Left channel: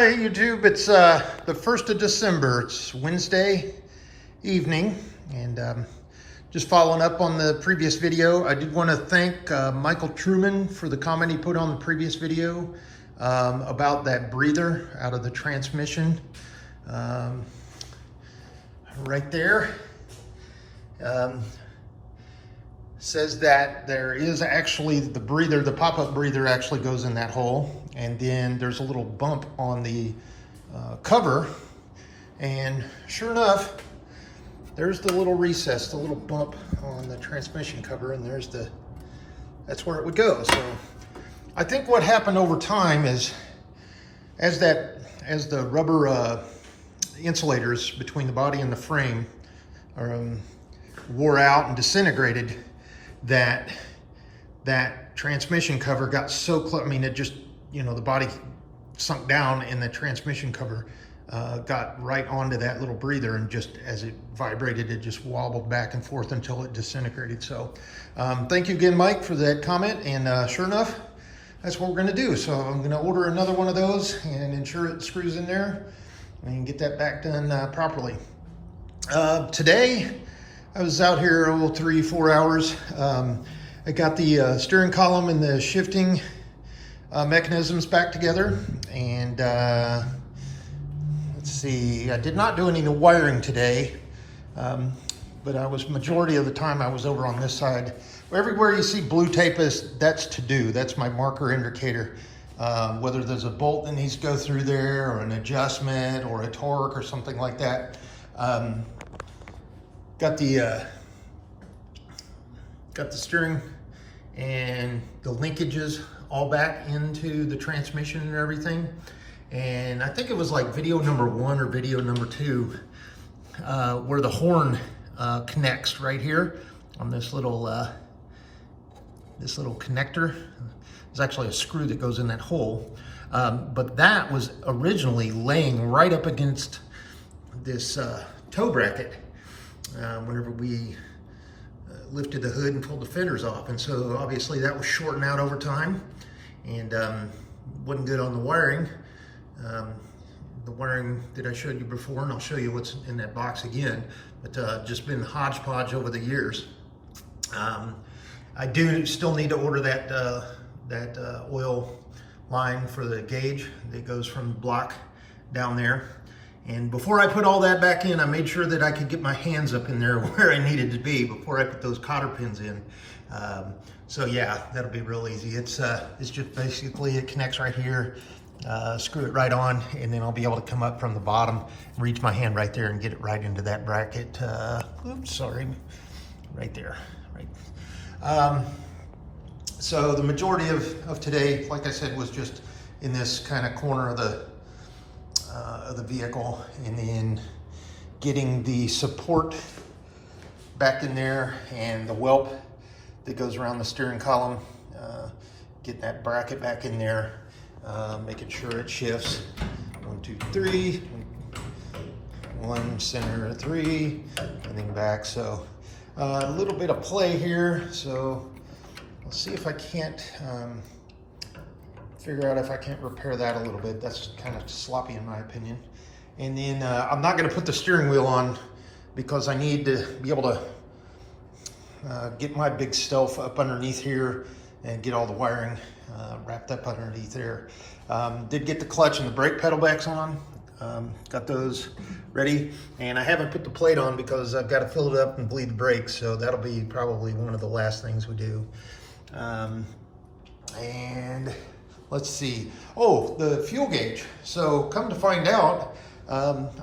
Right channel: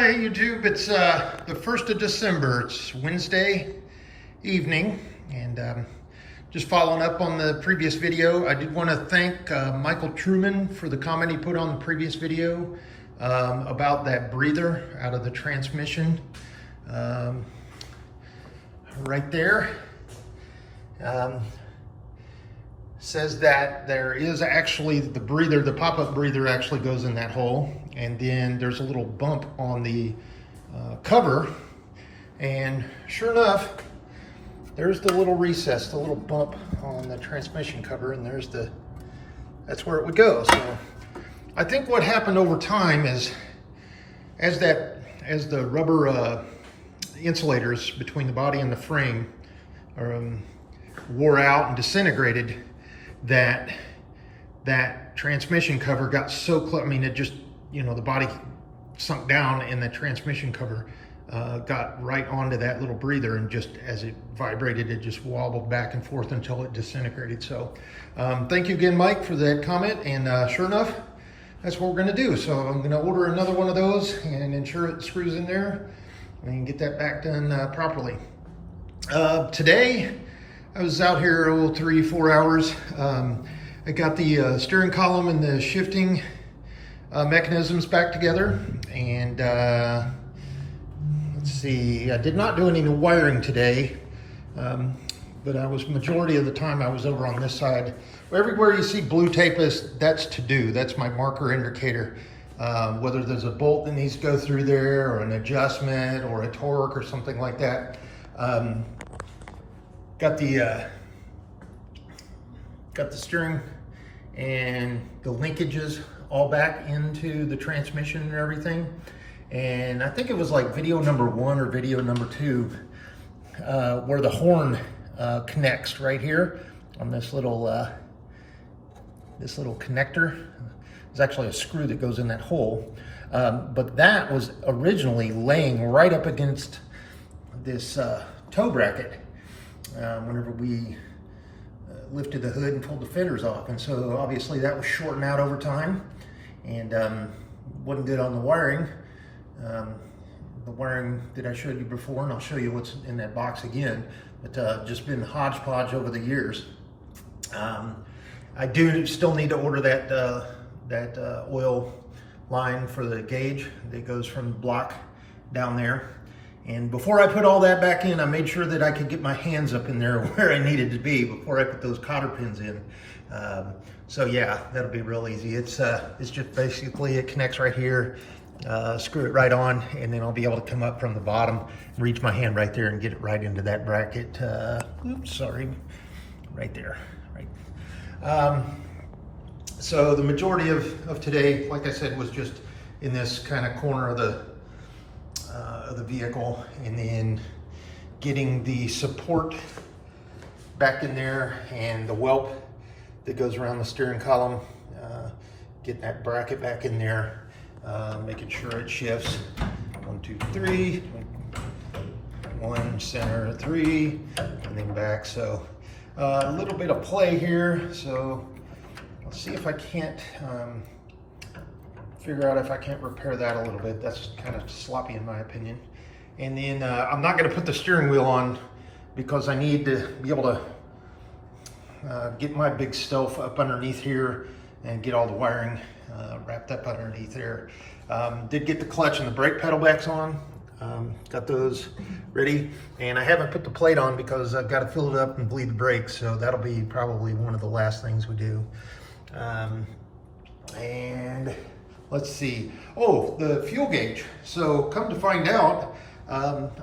Hi YouTube, it's the 1st of December. It's Wednesday evening, and just following up on the previous video, I did want to thank Michael Truman for the comment he put on the previous video about that breather out of the transmission right there. Says that there is actually the breather, the pop-up breather actually goes in that hole, and then there's a little bump on the cover, and sure enough, there's the little recess, the little bump on the transmission cover, and that's where it would go. So I think what happened over time is as the rubber insulators between the body and the frame wore out and disintegrated, that transmission cover got so close. I mean, it just, you know, the body sunk down and the transmission cover got right onto that little breather, and just as it vibrated, it just wobbled back and forth until it disintegrated. So thank you again, Mike, for that comment, and sure enough, that's what we're gonna do. So I'm gonna order another one of those and ensure it screws in there and get that back done properly. Today, I was out here 3-4 hours. I got the steering column and the shifting mechanisms back together, and let's see, I did not do any wiring today, but majority of the time I was over on this side. Everywhere you see blue tape, that's to do. That's my marker indicator. Whether there's a bolt that needs to go through there, or an adjustment, or a torque, or something like that. Got the steering and the linkages all back into the transmission and everything. And I think it was like video number 1 or video number 2 where the horn connects right here on this little connector. There's actually a screw that goes in that hole, but that was originally laying right up against this tow bracket. Whenever we lifted the hood and pulled the fenders off. And so obviously that was shorting out over time, and wasn't good on the wiring. The wiring that I showed you before, and I'll show you what's in that box again, but just been hodgepodge over the years. I do still need to order that oil line for the gauge that goes from the block down there. And before I put all that back in, I made sure that I could get my hands up in there where I needed to be before I put those cotter pins in. So yeah, that'll be real easy. It's just basically, it connects right here, screw it right on, and then I'll be able to come up from the bottom, reach my hand right there and get it right into that bracket. Oops, sorry, right there, right. So the majority of today, like I said, was just in this kind of corner of the vehicle, and then getting the support back in there, and the whelp that goes around the steering column, getting that bracket back in there, making sure it shifts. 1, 2, 3, 1 center, 3, and then back. So a little bit of play here. So let's see if I can't figure out if I can't repair that a little bit. That's kind of sloppy in my opinion. And then I'm not going to put the steering wheel on because I need to be able to get my big stuff up underneath here and get all the wiring wrapped up underneath there. Did get the clutch and the brake pedal backs on. Got those ready, and I haven't put the plate on because I've got to fill it up and bleed the brakes, so that'll be probably one of the last things we do. And let's see. Oh, the fuel gauge. So come to find out,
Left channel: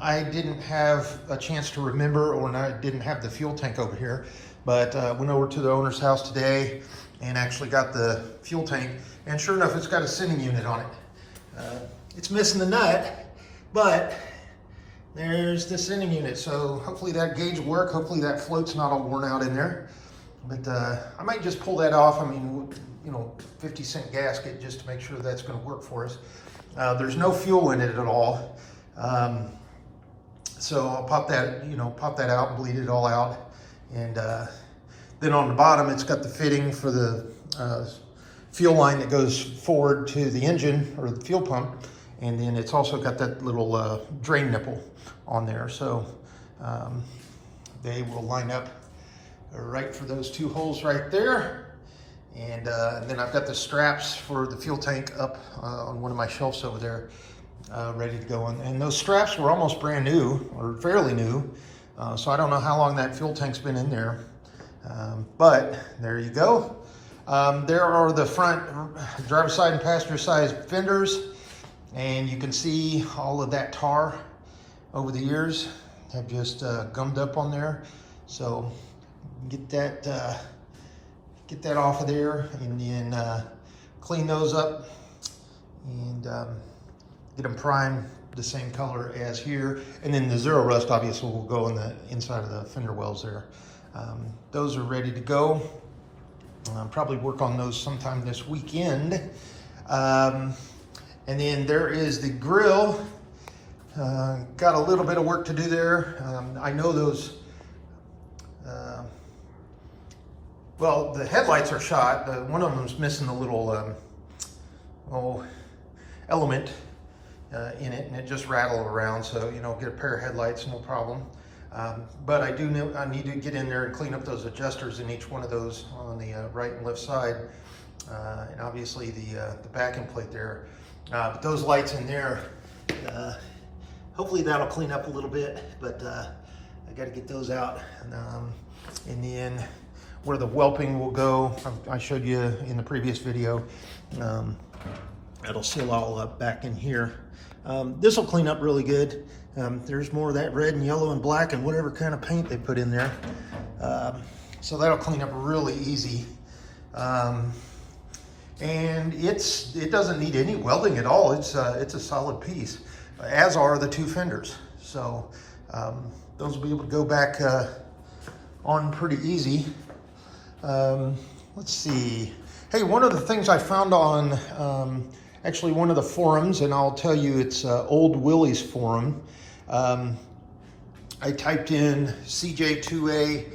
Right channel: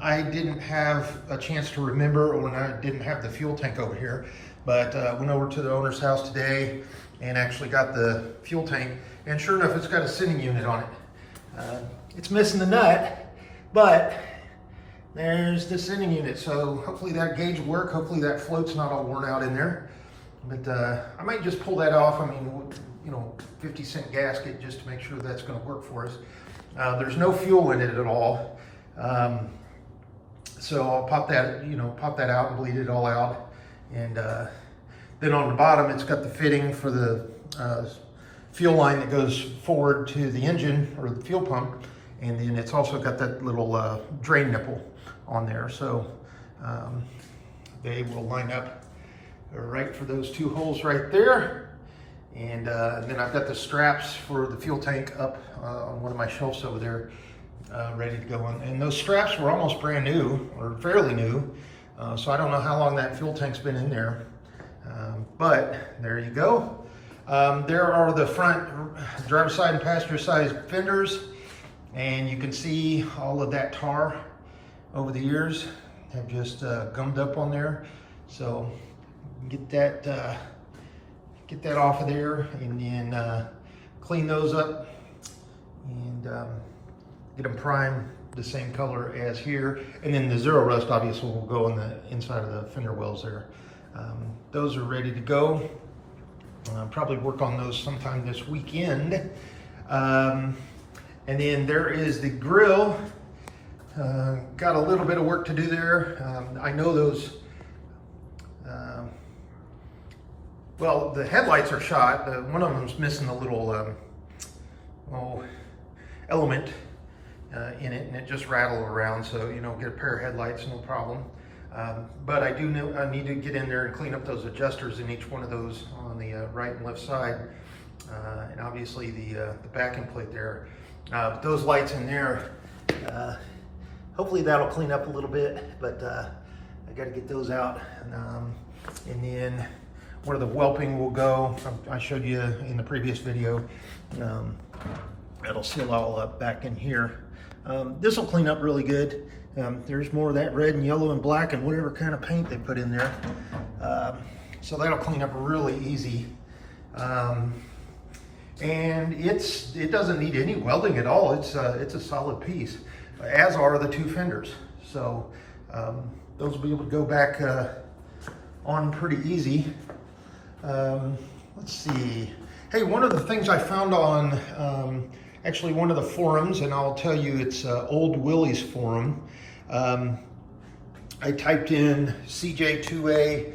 I didn't have a chance to remember, or I didn't have the fuel tank over here, but went over to the owner's house today and actually got the fuel tank, and sure enough, it's got a sending unit on it. It's missing the nut, but there's the sending unit. So hopefully that gauge will work. Hopefully that float's not all worn out in there, but I might just pull that off. I mean, you know, 50-cent gasket just to make sure that's going to work for us. There's no fuel in it at all. So I'll pop that out and bleed it all out. And then on the bottom, it's got the fitting for the fuel line that goes forward to the engine or the fuel pump. And then it's also got that little drain nipple on there. So they will line up right for those 2 holes right there. And then I've got the straps for the fuel tank up on one of my shelves over there, ready to go on. And those straps were almost brand new, or fairly new. So I don't know how long that fuel tank's been in there. But there you go. There are the front driver's side and passenger side fenders. And you can see all of that tar over the years have just gummed up on there. So get that off of there, and then clean those up and get them primed the same color as here. And then the Zero Rust obviously will go in the inside of the fender wells there. Those are ready to go. Probably work on those sometime this weekend. And then there is the grill. Got a little bit of work to do there. I know those, well, the headlights are shot. One of them's missing a little element in it, and it just rattled around. So, you know, get a pair of headlights, no problem. But I do know I need to get in there and clean up those adjusters in each one of those on the right and left side. And obviously the backing plate there. But those lights in there, hopefully that'll clean up a little bit, but I got to get those out. And then where the whelping will go, I showed you in the previous video, that'll seal all up back in here. This will clean up really good. There's more of that red and yellow and black and whatever kind of paint they put in there. So that'll clean up really easy. And it doesn't need any welding at all. It's a solid piece, as are the 2 fenders. So those will be able to go back on pretty easy. Let's see. Hey, one of the things I found on actually one of the forums, and I'll tell you it's Old Willie's forum. I typed in CJ2A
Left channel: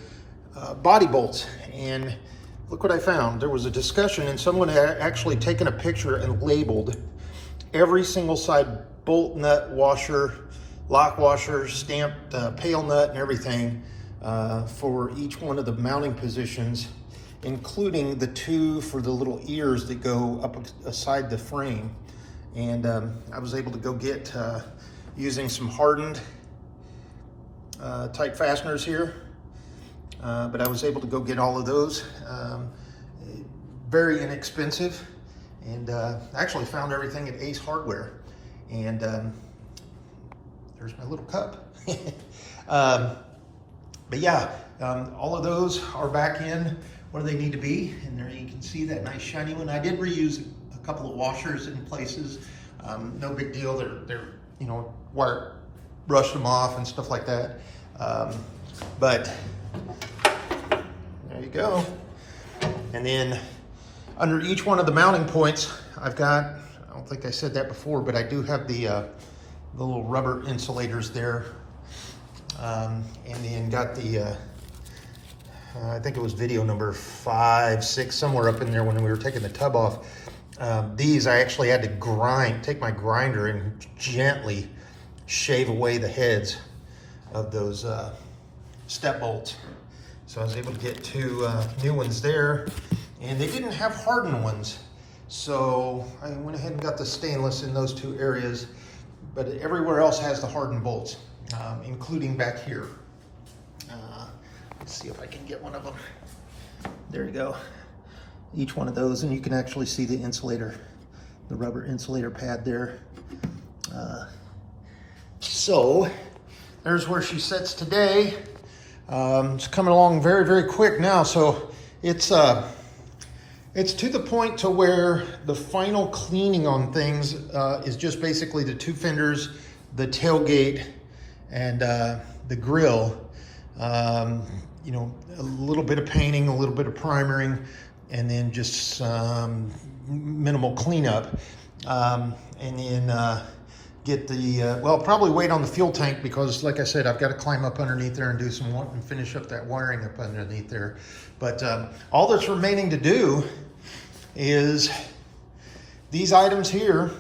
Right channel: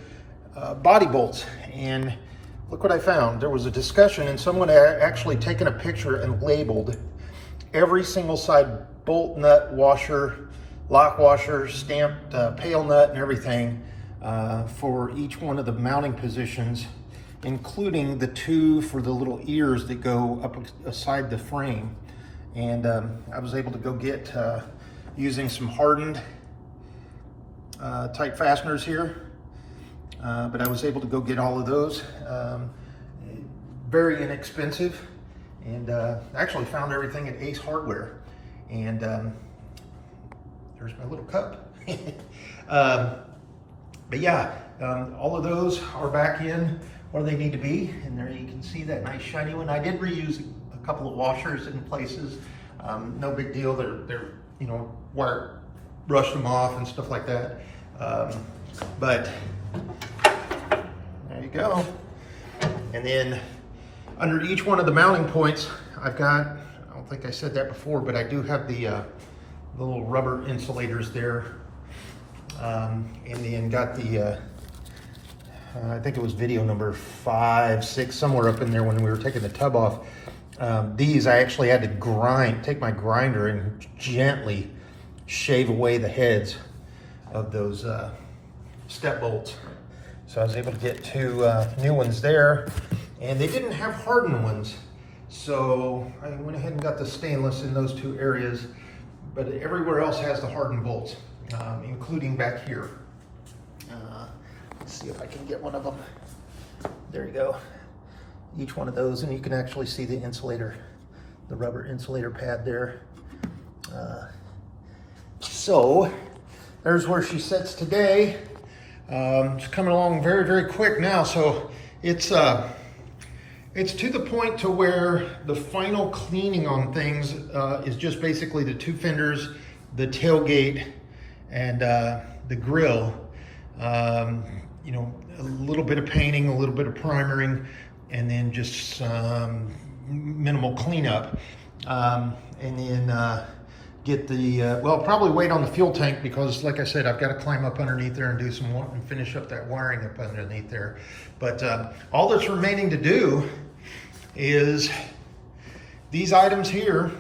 body bolts, and look what I found. There was a discussion, and someone had actually taken a picture and labeled every single side bolt, nut, washer, lock washer, stamped pail nut, and everything for each one of the mounting positions, including the 2 for the little ears that go up aside the frame. And I was able to go get, using some hardened type fasteners here, but I was able to go get all of those. Very inexpensive, and actually found everything at Ace Hardware. And there's my little cup. But yeah, all of those are back in where they need to be, and there you can see that nice shiny one. I did reuse a couple of washers in places. No big deal. They're you know, wire brushed them off and stuff like that. But there you go. And then under each one of the mounting points, I've got, I don't think I said that before, but I do have the little rubber insulators there. And then got the, I think it was video number 5, 6, somewhere up in there when we were taking the tub off. These I actually had to take my grinder and gently shave away the heads of those step bolts. So I was able to get 2 new ones there, and they didn't have hardened ones. So I went ahead and got the stainless in those 2 areas, but everywhere else has the hardened bolts, including back here. Let's see if I can get one of them. There you go. Each one of those, and you can actually see the insulator, the rubber insulator pad there. So there's where she sits today. It's coming along very, very quick now. So it's to the point to where the final cleaning on things is just basically the 2 fenders, the tailgate, and the grill. You know, a little bit of painting, a little bit of primering, and then just minimal cleanup. And then get the, well, probably wait on the fuel tank, because like I said, I've got to climb up underneath there and do some, and finish up that wiring up underneath there. But all that's remaining to do is these items here.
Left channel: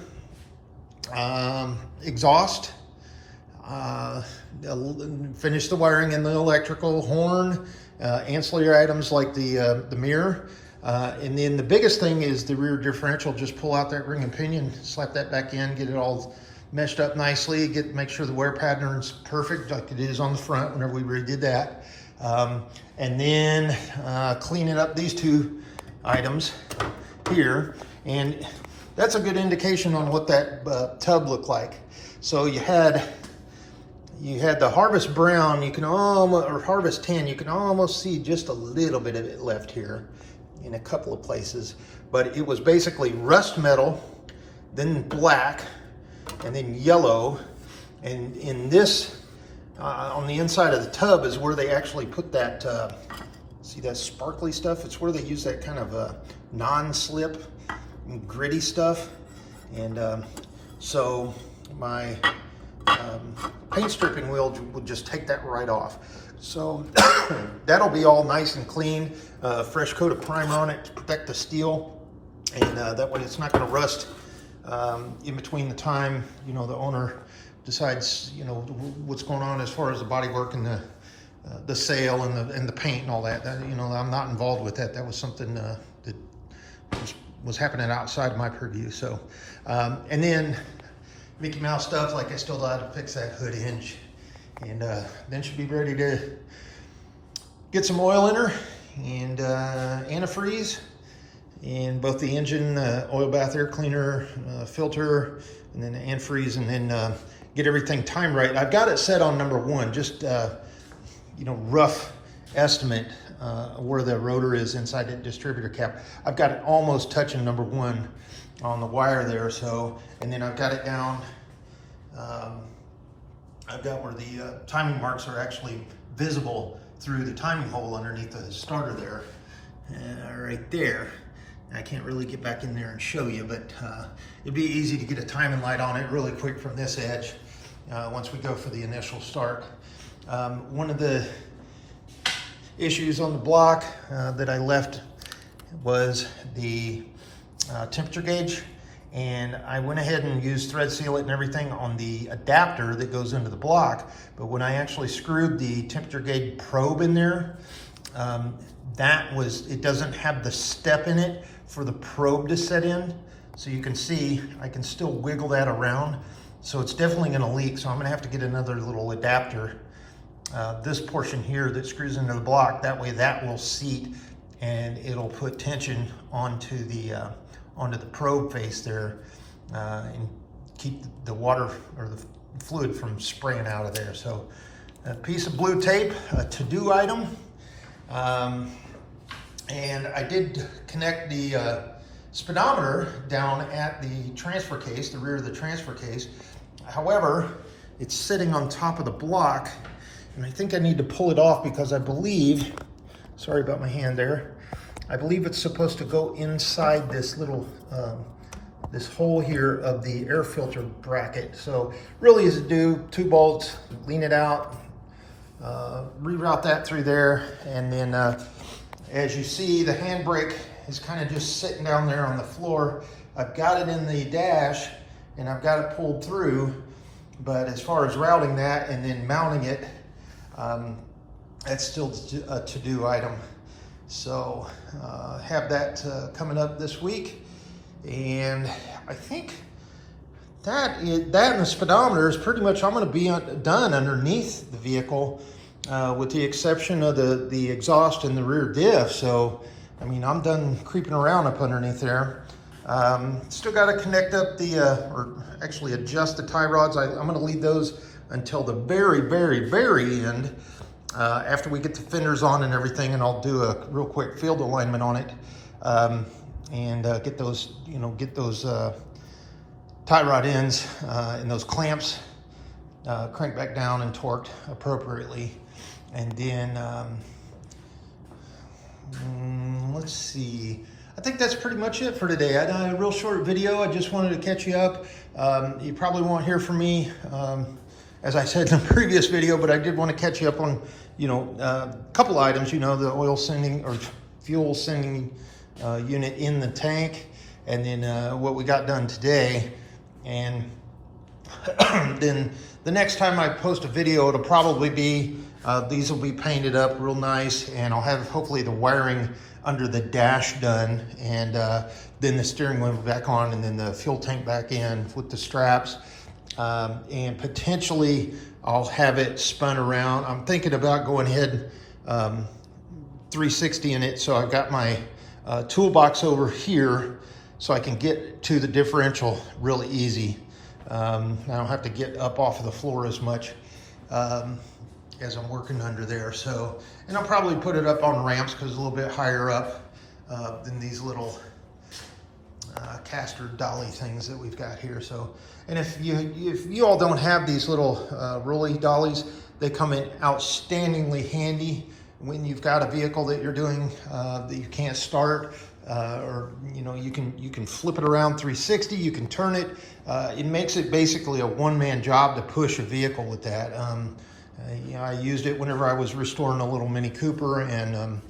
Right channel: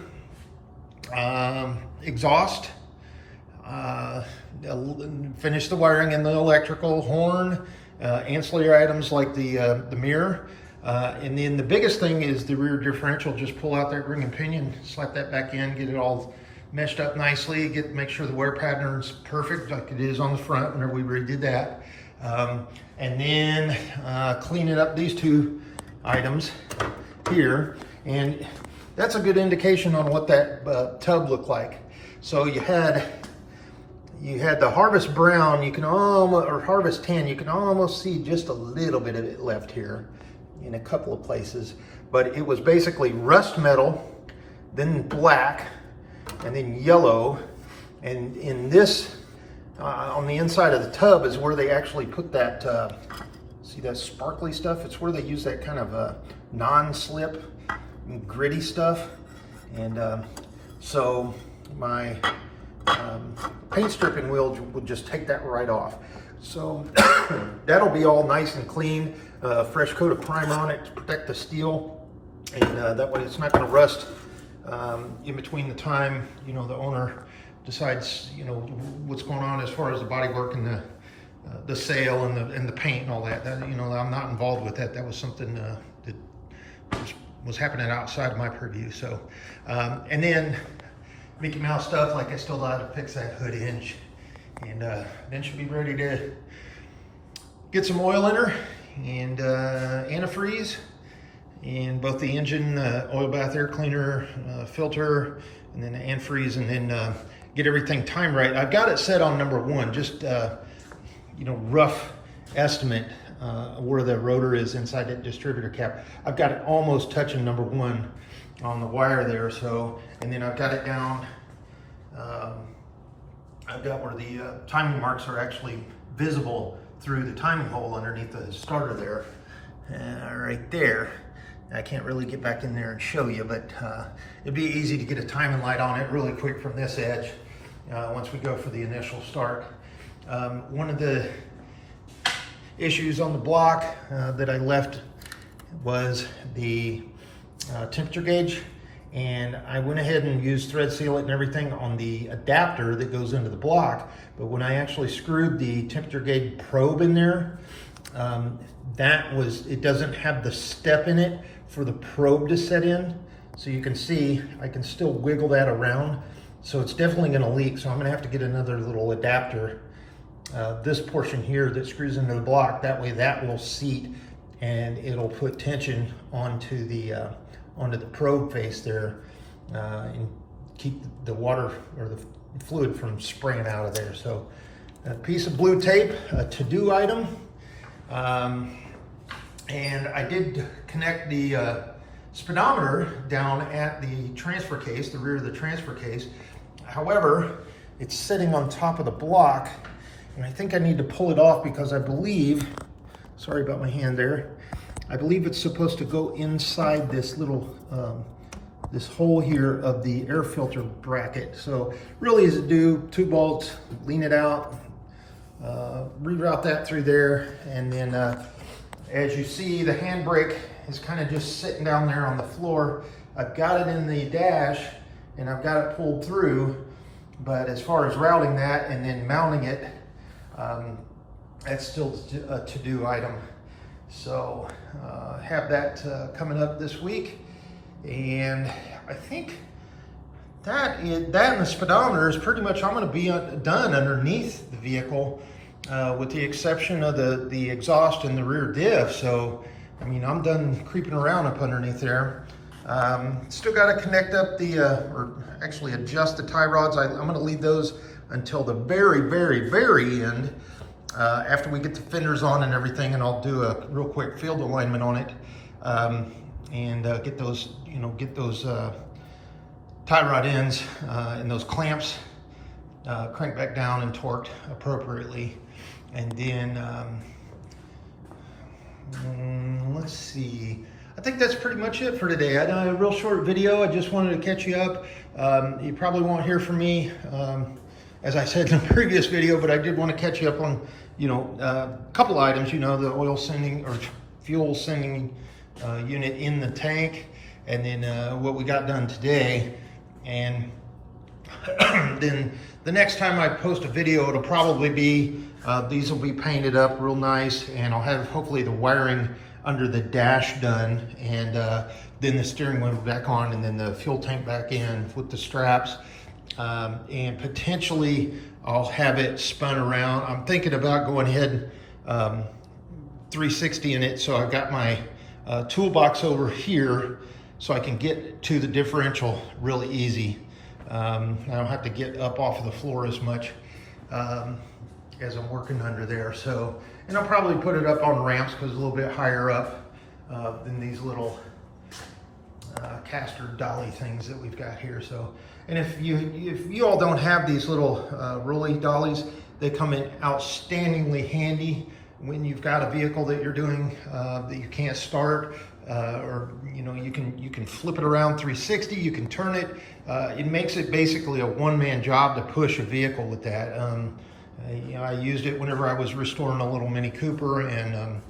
exhaust, finish the wiring in the electrical, horn, ancillary items like the mirror. And then the biggest thing is the rear differential. Just pull out that ring and pinion, slap that back in, get it all meshed up nicely, make sure the wear pattern is perfect like it is on the front whenever we redid that. And then clean it up, these two items here. And that's a good indication on what that tub looked like. So you had the Harvest Brown, you can almost, or Harvest Tan, you can almost see just a little bit of it left here in a couple of places, but it was basically rust metal, then black, and then yellow. And in this, on the inside of the tub is where they actually put that, see that sparkly stuff? It's where they use that kind of non-slip, gritty stuff. And so my paint stripping wheel would just take that right off. So that'll be all nice and clean, fresh coat of primer on it to protect the steel, and that way it's not going to rust in between the time, you know, the owner decides, you know, what's going on as far as the bodywork and the sail and the paint and all that. You know, I'm not involved with that. That was something that was happening outside my purview. So, and then Mickey Mouse stuff, like I still got to fix that hood hinge, and then she'll be ready to get some oil in her and antifreeze, and both the engine, oil bath air cleaner, filter, and then antifreeze, and then get everything timed right. I've got it set on number 1, just you know, rough estimate where the rotor is inside that distributor cap. I've got it almost touching number 1 on the wire there. So, and then I've got it down, I've got where the timing marks are actually visible through the timing hole underneath the starter there, right there. I can't really get back in there and show you, but it'd be easy to get a timing light on it really quick from this edge once we go for the initial start. One of the issues on the block that I left was the temperature gauge, and I went ahead and used thread seal it and everything on the adapter that goes into the block, but when I actually screwed the temperature gauge probe in there, it doesn't have the step in it for the probe to set in. So you can see I can still wiggle that around, so it's definitely going to leak. So I'm going to have to get another little adapter, this portion here that screws into the block, that way that will seat and it'll put tension onto the probe face there, and keep the water or the fluid from spraying out of there. So a piece of blue tape, a to-do item, and I did connect the speedometer down at the transfer case, the rear of the transfer case. However, it's sitting on top of the block, and I think I need to pull it off because I believe, sorry about my hand there, I believe it's supposed to go inside this little, this hole here of the air filter bracket. So really easy to do, 2 bolts, lean it out, reroute that through there, and then as you see, the handbrake is kind of just sitting down there on the floor. I've got it in the dash and I've got it pulled through, but as far as routing that and then mounting it, that's still a to-do item. So have that coming up this week, and I think that and the speedometer is pretty much, I'm going to be done underneath the vehicle, with the exception of the exhaust and the rear diff. So I mean, I'm done creeping around up underneath there. Still got to connect up or actually adjust the tie rods. I'm going to leave those until the very, very, very end, after we get the fenders on and everything, and I'll do a real quick field alignment on it, and get those, get those tie rod ends and those clamps cranked back down and torqued appropriately. And then let's see, I think that's pretty much it for today. I done a real short video. I just wanted to catch you up. You probably won't hear from me, as I said in the previous video, but I did want to catch you up on, a couple items, the oil sending or fuel sending unit in the tank, and then what we got done today. And then the next time I post a video, it'll probably be, these will be painted up real nice, and I'll have hopefully the wiring under the dash done, and then the steering wheel back on, and then the fuel tank back in with the straps. And potentially I'll have it spun around. I'm thinking about going ahead 360 in it, so I've got my toolbox over here so I can get to the differential really easy. I don't have to get up off of the floor as much as I'm working under there. So, and I'll probably put it up on ramps because it's a little bit higher up than these little caster dolly things that we've got here. So, and if you all don't have these little rolly dollies, they come in outstandingly handy when you've got a vehicle that you're doing that you can't start, or you can flip it around 360, you can turn it. It makes it basically a one-man job to push a vehicle with that. I used it whenever I was restoring a little Mini Cooper, and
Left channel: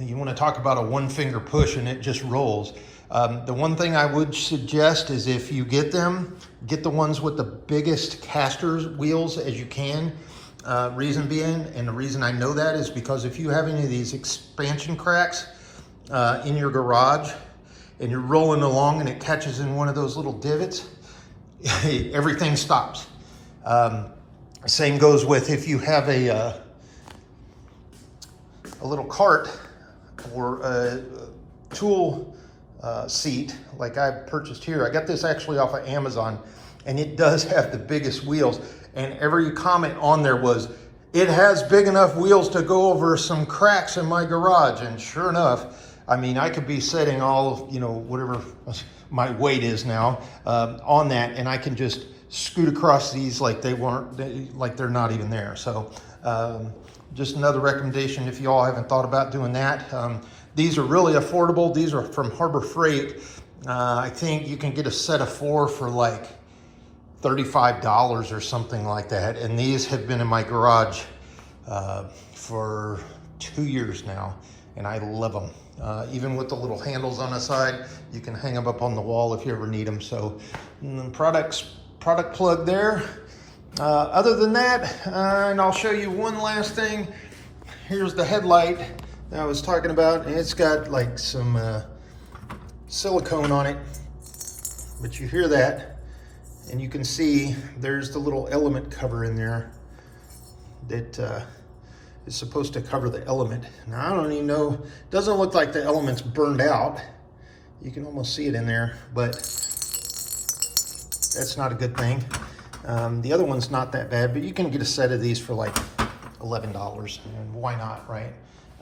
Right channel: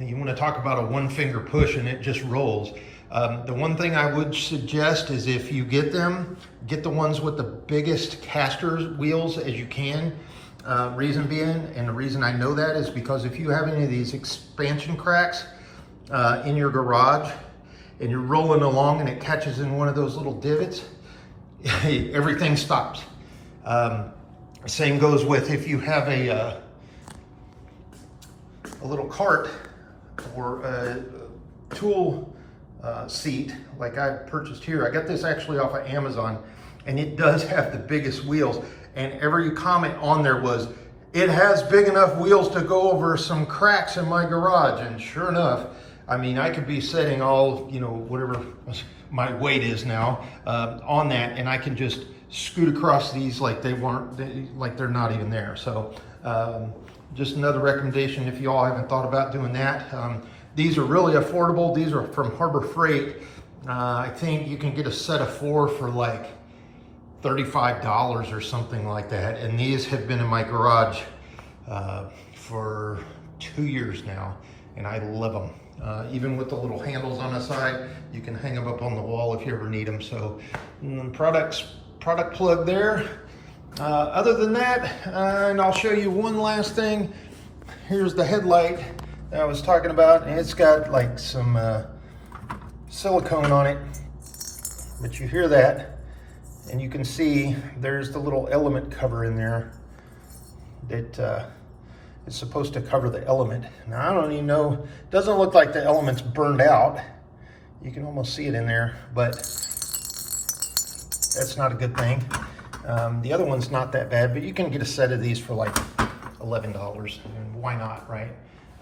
you want to talk about a one-finger push and it just rolls. The one thing I would suggest is if you get them, get the ones with the biggest caster wheels as you can. Reason being, and the reason I know that is because if you have any of these expansion cracks in your garage and you're rolling along and it catches in one of those little divots, everything stops. Same goes with if you have a little cart or a tool seat like I purchased here. I got this actually off of Amazon, and it does have the biggest wheels. And every comment on there was, it has big enough wheels to go over some cracks in my garage. And sure enough, I mean, I could be setting all, whatever my weight is now on that, and I can just scoot across these like like they're not even there. So just another recommendation if you all haven't thought about doing that. These are really affordable. These are from Harbor Freight. I think you can get a set of 4 for like $35 or something like that. And these have been in my garage for 2 years now, and I love them. Even with the little handles on the side, you can hang them up on the wall if you ever need them. So product plug there. Other than that, and I'll show you one last thing. Here's the headlight that I was talking about, and it's got like some silicone on it, but you hear that, and you can see there's the little element cover in there that is supposed to cover the element. Now I don't even know, it doesn't look like the element's burned out. You can almost see it in there, but that's not a good thing. The other one's not that bad, but you can get a set of these for like $11, and why not, right?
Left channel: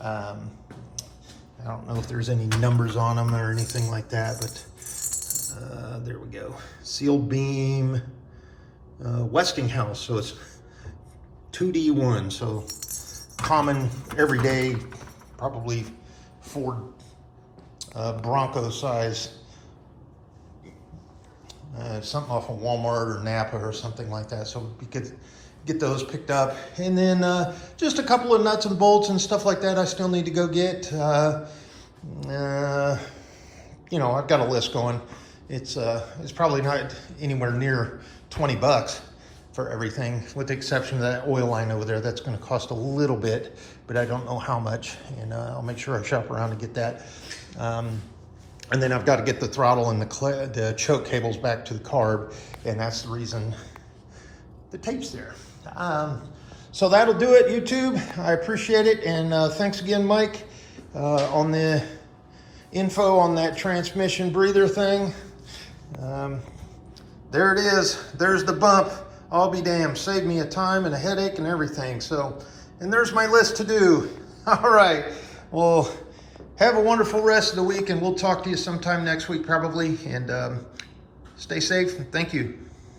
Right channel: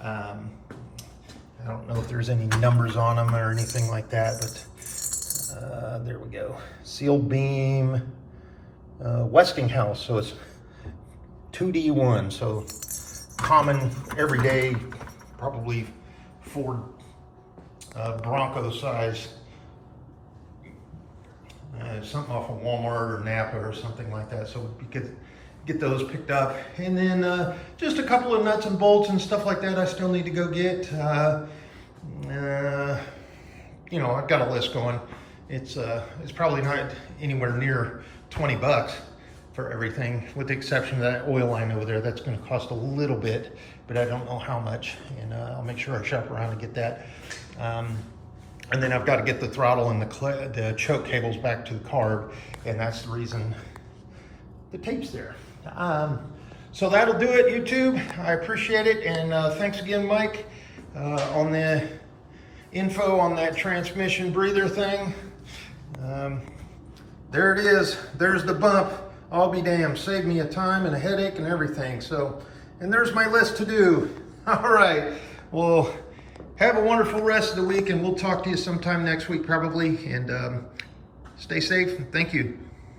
I don't know if there's any numbers on them or anything like that, but there we go. Sealed beam, Westinghouse, so it's 2D1, so common, everyday, probably Ford Bronco size. Something off of Walmart or Napa or something like that. So we could get those picked up. And then just a couple of nuts and bolts and stuff like that I still need to go get. I've got a list going. It's probably not anywhere near 20 bucks for everything, with the exception of that oil line over there. That's going to cost a little bit, but I don't know how much. And I'll make sure I shop around to get that. And then I've got to get the throttle and the choke cables back to the carb, and that's the reason the tape's there. So that'll do it, YouTube. I appreciate it, and thanks again, Mike, on the info on that transmission breather thing. There it is. There's the bump. I'll be damned. Saved me a time and a headache and everything. So, and there's my list to do. All right. Well, have a wonderful rest of the week, and we'll talk to you sometime next week probably. And stay safe. Thank you.